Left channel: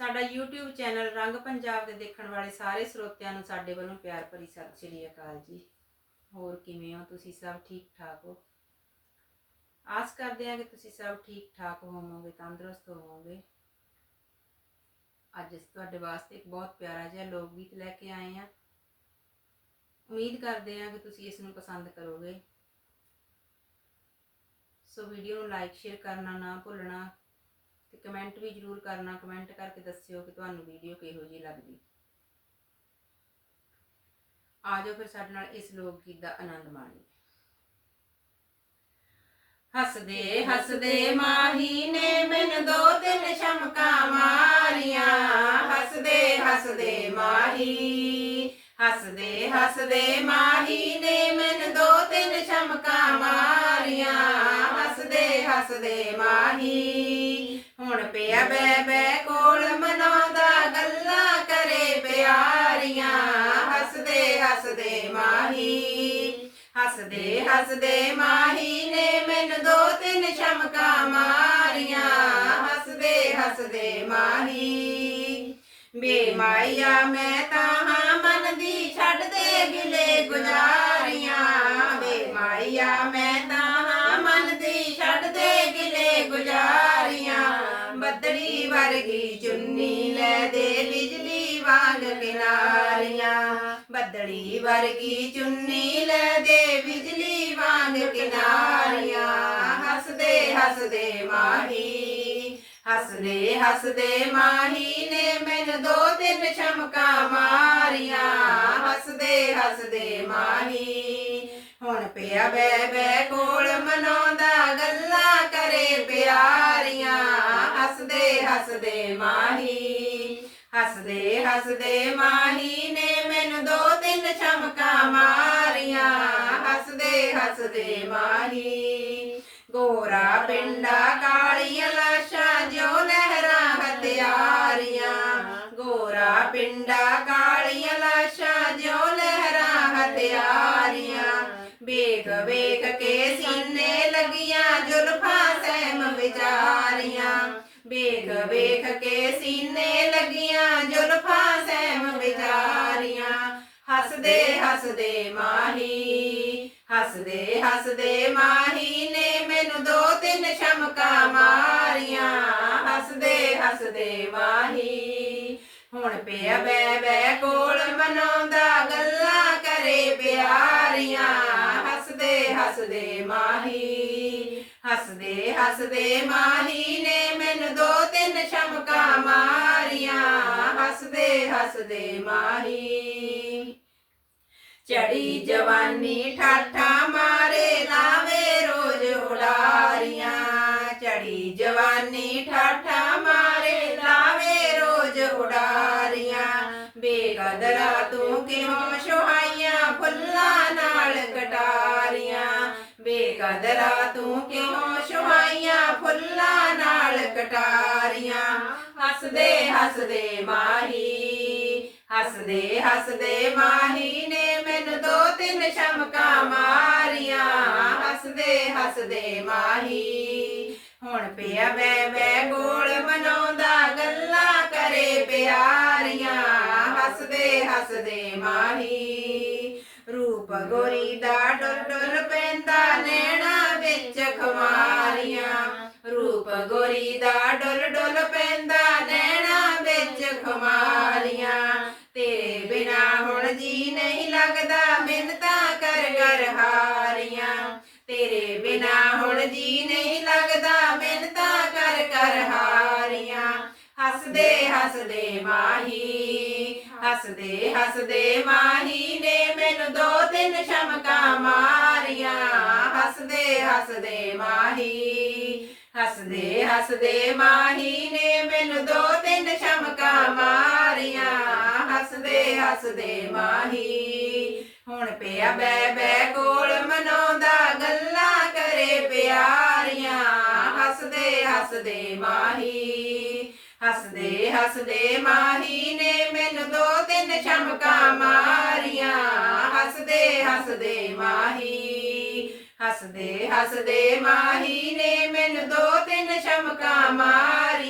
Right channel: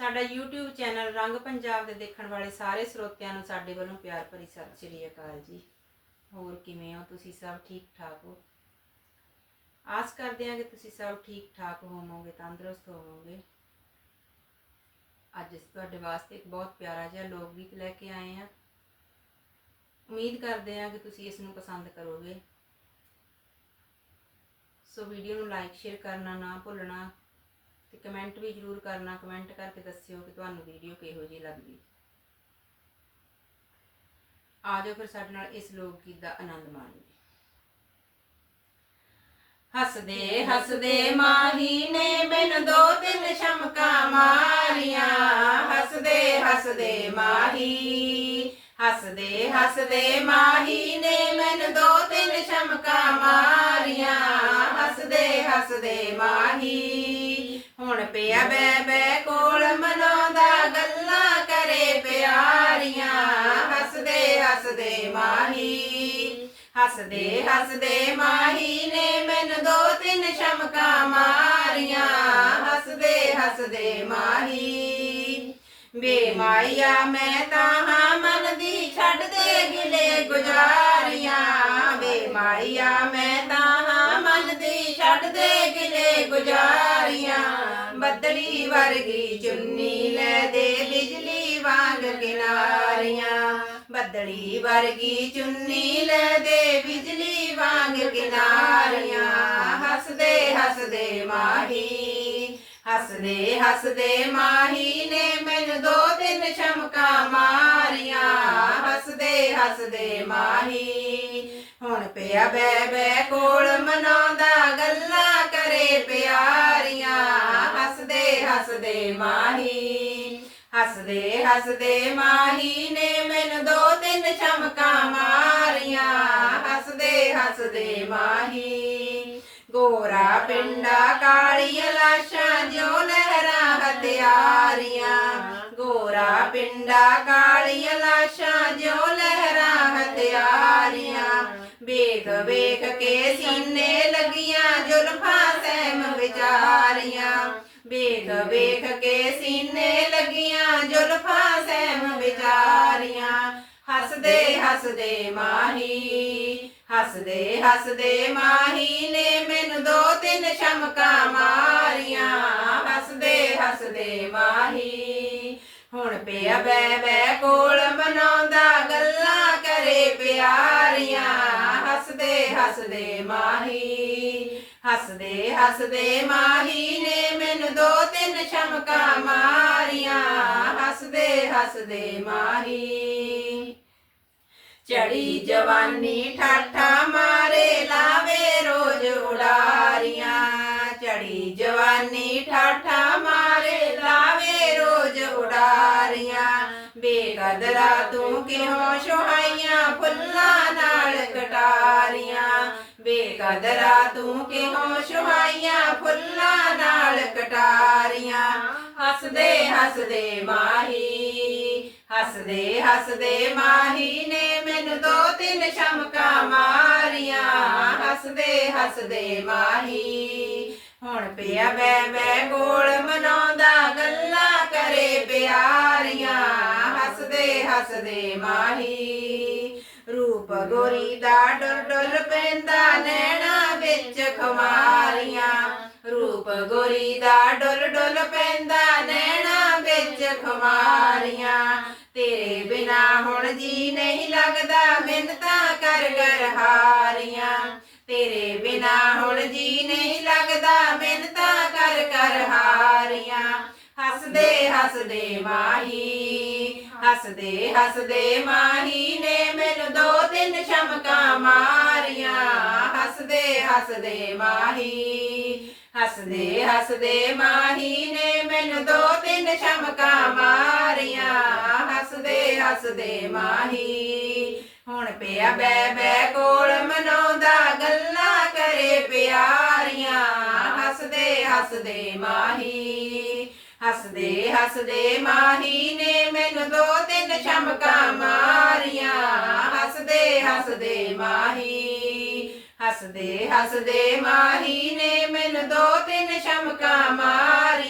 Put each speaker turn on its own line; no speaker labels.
ਸਾਡਾ YouTube channel ਰੰਗ ਪੰਜਾਬ ਦੇ ਦੇਖਣ ਵਾਲੇ ਸਾਰੇ ਸਰੋਤਿਆਂ ਨੂੰ ਸਾਡੇ ਵੱਲੋਂ ਪਿਆਰ ਭਰੀ ਸਤਿ ਸ੍ਰੀ ਅਕਾਲ ਜੀ। ਹੋਰ ਕਿਵੇਂ ਹੋ ਤੁਸੀਂ ਸਭ ਠੀਕ ਠਾਕ ਹੋ? ਆਸ ਕਰਦੇ ਹਾਂ ਕਿ ਤੁਸੀਂ ਸਭ ਠੀਕ ਠਾਕ ਹੋਵੋਗੇ, ਤੰਦਰੁਸਤ ਹੋਵੋਗੇ। ਅੱਜ ਅਸੀਂ ਤੁਹਾਡੇ ਵਾਸਤੇ ਇੱਕ ਬਹੁਤ ਪਿਆਰਾ ਜਿਹਾ ਲੋਕ ਗੀਤ ਲੈ ਕੇ ਆਏ ਹਾਂ। ਉਮੀਦ ਕਰਦੇ ਹਾਂ ਕਿ ਤੁਸੀਂ ਇਸ ਨੂੰ ਪਸੰਦ ਕਰੋਗੇ। ਸੋ ਵੀਡੀਓ ਨੂੰ ਲਾਈਕ ਸ਼ੇਅਰ ਕਰਨਾ ਨਾ ਭੁੱਲਣਾ। ਤੇ ਕਮੈਂਟ ਵੀ ਜਰੂਰ ਕਰਨਾ ਕਮੈਂਟ ਕਰਕੇ ਦੱਸਿਓ ਕਿ ਤੁਹਾਨੂੰ ਵੀਡੀਓ ਕਿਹੋ ਜਿਹੀ ਲੱਗਦੀ। ਆ ਜਾਓ ਫਿਰ ਸਾਡੇ ਨਾਲ ਇਸ ਲੋਕ ਗੀਤ ਦਾ ਆਨੰਦ ਮਾਣੀਏ। ਹੱਸਦੇ ਹੱਸਦੇ ਮਾਹੀ ਨੇ ਮੈਨੂੰ ਦੋ ਤਿੰਨ ਸ਼ਮਕਾਂ ਮਾਰੀਆਂ। ਹੱਸਦੇ ਹੱਸਦੇ ਮਾਹੀ, ਹੱਸਦੇ ਹੱਸਦੇ ਮਾਹੀ ਨੇ ਮੈਨੂੰ ਦੋ ਤਿੰਨ ਸ਼ਮਕਾਂ ਮਾਰੀਆਂ। ਹੱਸਦੇ ਮਾਹੀ। ਹੁਣ ਪਿਆ ਬੈ ਬੈ ਕੋਲ ਮਨਾਉਂਦਾ ਗੱਲਾਂ ਕਰੇ ਪਿਆਰੀਆਂ। ਹੱਸਦੇ ਹੱਸਦੇ ਮਾਹੀ, ਹੱਸਦੇ ਹੱਸਦੇ ਮਾਹੀ ਨੇ ਮੈਨੂੰ ਦੋ ਤਿੰਨ ਸ਼ਮਕਾਂ ਮਾਰੀਆਂ। ਹੱਸਦੇ ਹੱਸਦੇ ਮਾਹੀ ਬੇ ਮਾਇਆ ਮੈਂ ਤਾਂ ਹਾਂ ਮਨ ਦੀ ਛੱਡ ਦੇ ਗਿਲੇ ਗੁਜ਼ਾਰੀਆਂ। ਬੇ ਮਾਇਆ ਮੈਂ ਗੁਜ਼ਾਰੀਆਂ ਬੱਦੜੀ ਵਰਗੀ ਚੁੰਨੀ ਲੈ ਦੇ ਬਿਜਲੀ ਵਾਂਗ ਕਿਨਾਰੀਆਂ। ਬੱਦੜੀ ਵਰਗੀ ਚੁੰਨੀ ਲੈ ਦੇ ਬਿਜਲੀ ਵਾਂਗ ਕਿਨਾਰੀਆਂ। ਹੱਸਦੇ ਹੱਸਦੇ ਮਾਹੀ, ਹੱਸਦੇ ਹੱਸਦੇ ਮਾਹੀ ਨੇ ਮੈਨੂੰ ਦੋ ਤਿੰਨ ਸ਼ਮਕਾਂ ਮਾਰੀਆਂ। ਹੱਸਦੇ ਹੱਸਦੇ ਮਾਹੀ, ਹੁਣ ਪਿਆ ਬੈ ਬੈ ਕੋਲ ਹੱਸਦੇ ਮਾਹੀ, ਹੱਸਦੇ ਹੱਸਦੇ ਮਾਹੀ ਨੇ ਮੈਨੂੰ ਦੋ ਤਿੰਨ ਚਮਕਾਂ ਮਾਰੀਆਂ। ਹੱਸਦੇ ਹੱਸਦੇ ਮਾਹੀ, ਗੋਰਾ ਪਿੰਡਾ ਕਾਲੀਆਂ ਲਾਸ਼ਾਂ ਜੋ ਨਹਿਰਾਂ ਹਥਿਆਰੀਆਂ। ਗੋਰਾ ਪਿੰਡਾ ਕਾਲੀਆਂ ਲਾਸ਼ਾਂ ਜੋ ਨਹਿਰਾਂ ਹਥਿਆਰੀਆਂ। ਵੇਖ ਵੇਖ ਕੇ ਸੀਨੇ ਲੱਗੀਆਂ, ਜ਼ੁਲਫਾਂ ਸਹਿਮ ਵਿਚਾਰੀਆਂ। ਵੇਖ ਵੇਖ ਕੇ ਸੀਨੇ ਲੱਗੀਆਂ, ਜ਼ੁਲਫਾਂ ਸਹਿਮ ਵਿਚਾਰੀਆਂ। ਹੱਸਦੇ ਹੱਸਦੇ ਮਾਹੀ, ਹੱਸਦੇ ਹੱਸਦੇ ਮਾਹੀ ਨੇ ਮੈਨੂੰ ਦੋ ਤਿੰਨ ਸ਼ਮਕਾਂ ਮਾਰੀਆਂ। ਹੱਸਦੇ ਹੱਸਦੇ ਮਾਹੀ, ਹੁਣ ਪਿਆ ਬੈ ਬੈ ਕੋਲ ਬਣਾਉਂਦਾ ਗੱਲਾਂ ਕਰੇ ਪਿਆਰੀਆਂ। ਹੱਸਦੇ ਹੱਸਦੇ ਮਾਹੀ, ਹੱਸਦੇ ਹੱਸਦੇ ਮਾਹੀ ਦੋ ਤਿੰਨ ਸ਼ਮਕਾਂ ਮਾਰੀਆਂ, ਹੱਸਦੇ ਹੱਸਦੇ ਮਾਹੀ। ਚੜੀ ਜਵਾਨੀ ਠਾਠਾ ਮਾਰੇ, ਲਾਵੇ ਰੋਜ਼ ਉਡਾਰੀਆਂ। ਚੜੀ ਜਵਾਨੀ ਠਾਠਾ ਮਾਰੇ, ਲਾਵੇ ਰੋਜ਼ ਉਡਾਰੀਆਂ। ਬੇਕਦਰਾ ਤੂੰ ਕਿਉਂ ਸੁਹਾਈਆਂ ਫੁੱਲਾਂ ਨਾਲ ਕਟਾਰੀਆਂ? ਬੇਕਦਰਾ ਤੂੰ ਕਿਉਂ ਸੁਹਾਈਆਂ ਫੁੱਲਾਂ ਕਟਾਰੀਆਂ, ਹੱਸਦੇ ਹੱਸਦੇ ਮਾਹੀ, ਹੱਸਦੇ ਹੱਸਦੇ ਮਾਹੀ ਨੇ ਮੈਨੂੰ ਦੋ ਤਿੰਨ ਸ਼ਮਕਾਂ ਮਾਰੀਆਂ। ਹੱਸਦੇ ਹੱਸਦੇ ਮਾਹੀ, ਹੁਣ ਪਿਆ ਮੈਂ ਬੈ ਗੋਲ ਮਨਾਉਂਦਾ ਗੱਲਾਂ ਕਰੇ ਪਿਆਰੀਆਂ। ਹੱਸਦੇ ਹੱਸਦੇ ਮਾਹੀ, ਰੂਪ ਗੋਰੀ ਦਾ ਡੁਰ ਡੁਰ ਪੈਂਦਾ ਨੈਣਾ ਵਿੱਚ ਖਮਾਰੀਆਂ ਗੋਰੀ ਦਾ ਡੁੱਲ ਡੁੱਲ ਪੈਂਦਾ, ਨੈਣਾ ਵਿੱਚ ਖਮਾਰੀਆਂ। ਤੇਰੇ ਬਿਨਾ ਹੁਣ ਜੀ ਨਹੀਂ ਲੱਗਦਾ, ਮਿੰਨਤਾਂ ਕਰ ਕਰ ਹਾਰੀਆਂ। ਤੇਰੇ ਬਿਨਾ ਹੁਣ ਜੀ ਨਹੀਂ ਲੱਗਦਾ, ਮਿੰਨਤਾਂ ਕਰ ਕਰ ਹਾਰੀਆਂ। ਹੱਸਦੇ ਹੱਸਦੇ ਮਾਹੀ, ਹੱਸਦੇ ਹੱਸਦੇ ਮਾਹੀ ਨੇ ਮੈਨੂੰ ਦੋ ਤਿੰਨ ਸ਼ਮਕਾਂ ਮਾਰੀਆਂ। ਹੱਸਦੇ ਹੱਸਦੇ ਮਾਹੀ ਹੱਸਦੇ ਹੱਸਦੇ ਮਾਹੀ ਨੇ ਮੈਨੂੰ ਦੋ ਤਿੰਨ ਸ਼ਮਕਾਂ ਮਾਰੀਆਂ। ਹੱਸਦੇ ਹੱਸਦੇ ਮਾਹੀ, ਹੁਣ ਪਿਆ ਬੈ ਬੈ ਕੋਲ ਮਨਾਉਂਦਾ, ਗੱਲਾਂ ਕਰੇ ਪਿਆਰੀਆਂ। ਹੱਸਦੇ ਹੱਸਦੇ ਮਾਹੀ, ਹੱਸਦੇ ਹੱਸਦੇ ਮਾਹੀ ਨੇ ਮੈਨੂੰ ਦੋ ਤਿੰਨ ਸ਼ਮਕਾਂ ਮਾਰੀਆਂ। ਹੱਸਦੇ ਹੱਸਦੇ ਮਾਹੀ ਨੇ ਮੈਨੂੰ ਦੋ ਤਿੰਨ ਸ਼ਮਕਾਂ ਮਾਰੀਆਂ।